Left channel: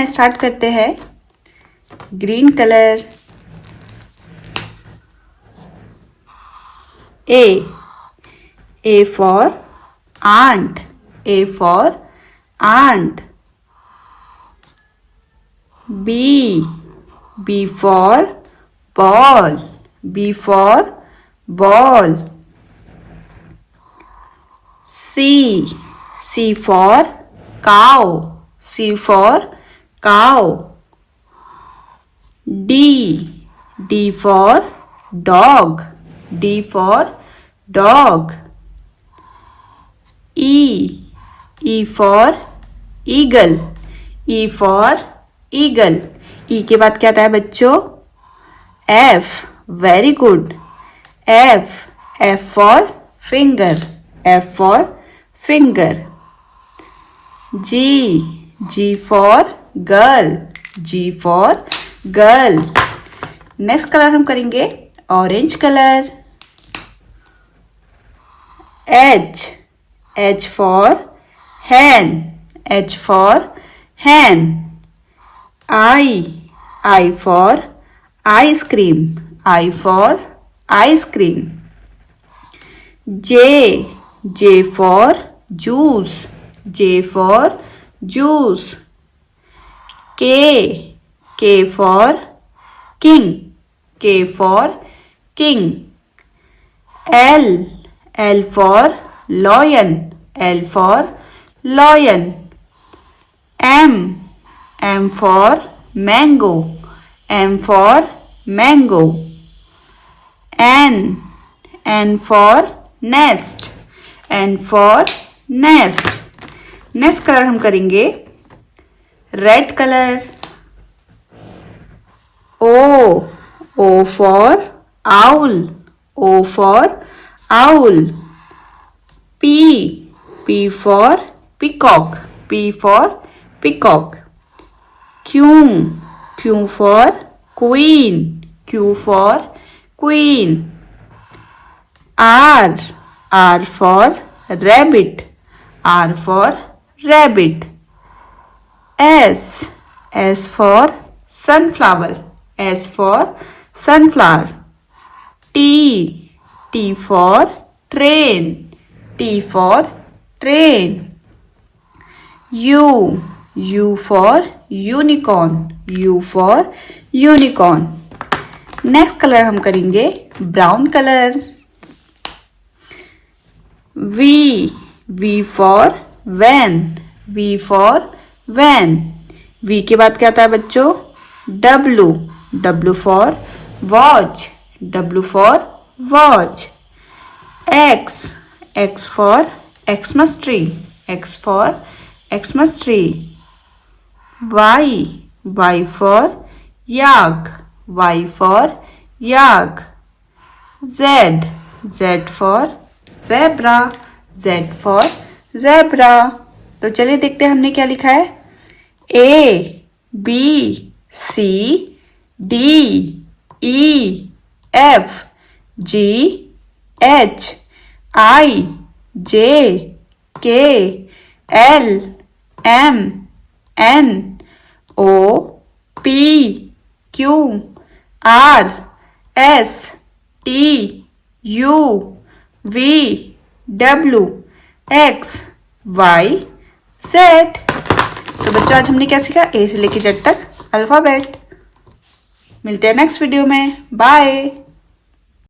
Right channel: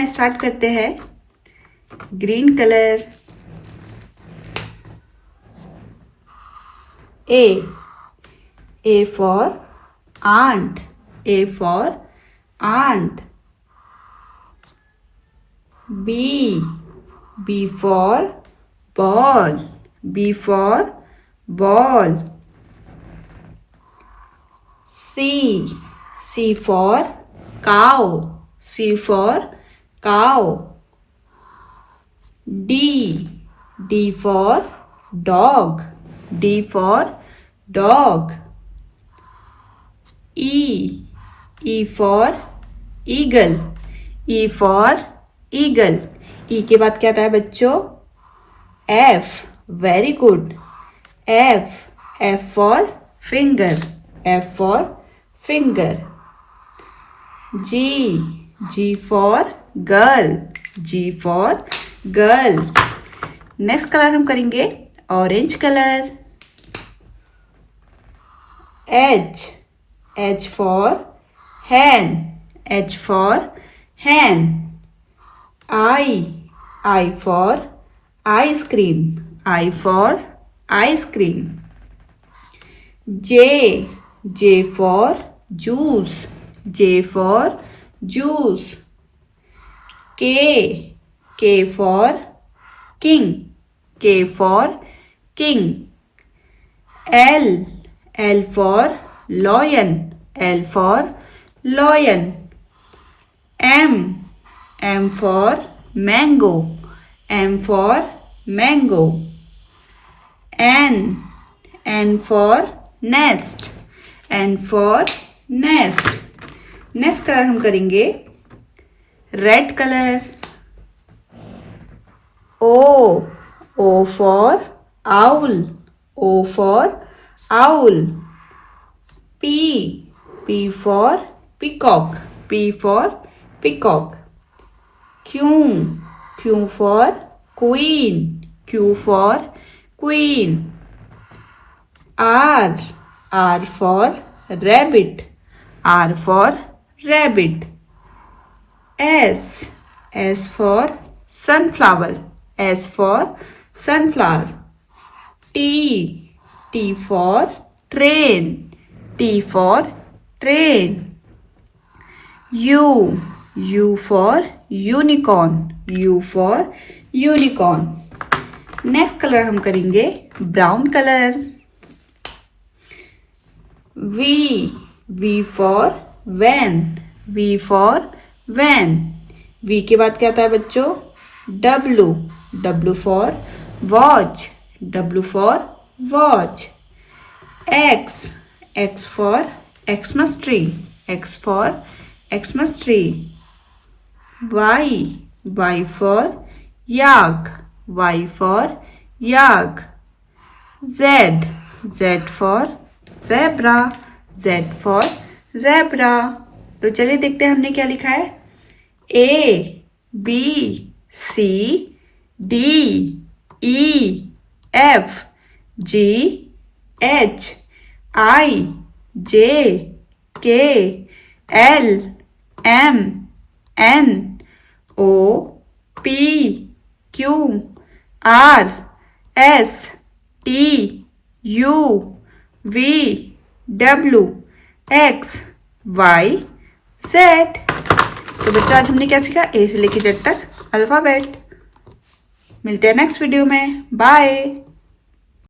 है, स्टार्ट करते हैं। Green colour. A for ant. A for ant. B for ball. B for ball. C for cow. C for cow. D for dog. D for dog. E for eagle. E for eagle. E के बाद क्या आता है बच्चों? F. Very good. F for finger. F for finger. G for girl. G for girl. Next colour हम करेंगे orange colour. H for hen. H for hen. I for ice cream. I for ice cream. J for juice. J for juice. K for king. K for king. L for lion. L for lion. M for mango. M for mango. N for nest. N for nest. Next colour हम करेंगे red colour. O for owl. O for owl. P for peacock. P for peacock. Q for queen. Q for queen. R for rabbit. R for rabbit. S for sunflower. S for sunflower. T for train. T for train. U for unicorn. U for unicorn. Next colour हम करेंगे brown colour. V for van. V for van. V के बाद क्या आता है बच्चों? W for watch. W for watch. X for Xmas tree. X for Xmas tree. Y for yak. Y for yak. Z for zebra. Z for zebra. तो चलिए देखते हैं हमने क्या लिखा है। A B C D E F G H I J K L M N O P Q R S T U V W X Y Z। तो बच्चों आज हमने क्या सीखा? A से लेके Z तक अल्फाबेट। मिलते हैं नेक्स्ट वीडियो में। बाय।